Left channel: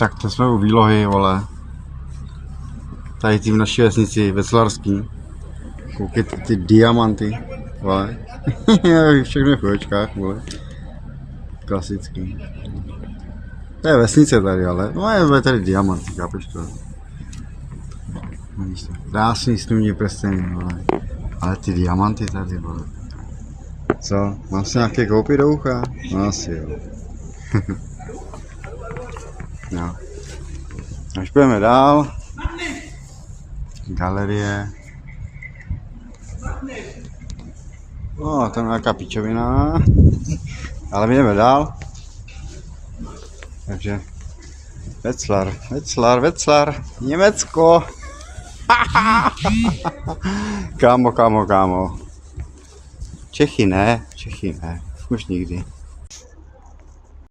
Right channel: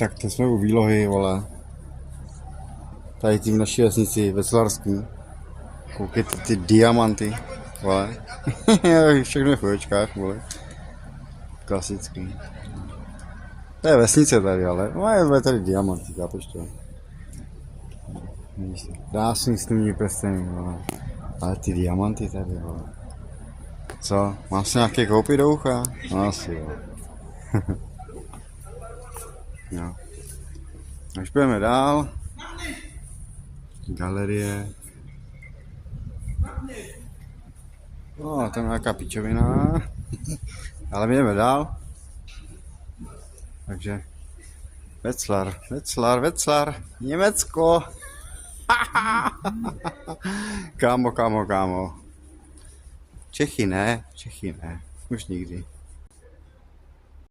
Tak to jsme u výlohy, vole. Tady tím v naší vesnici, Veslařský. Koukejte ty diamanty, vole. Všechno je v očkách, vole. Klasický. To je vesnice tady, ale no je tady diamanty, chápeš to? Vidíš to? Krásný snudní prsteny, vole. Ale ty diamanty tady, vole. Co? Mám si nějaké koupit do ucha? No asi jo. No. Až půjdeme dál. Galerie. No, tam je nějaká pičovina. Ale my jdeme dál. Takže Wetzlar, Německo. Kámo. Čechy ne, už nikdy.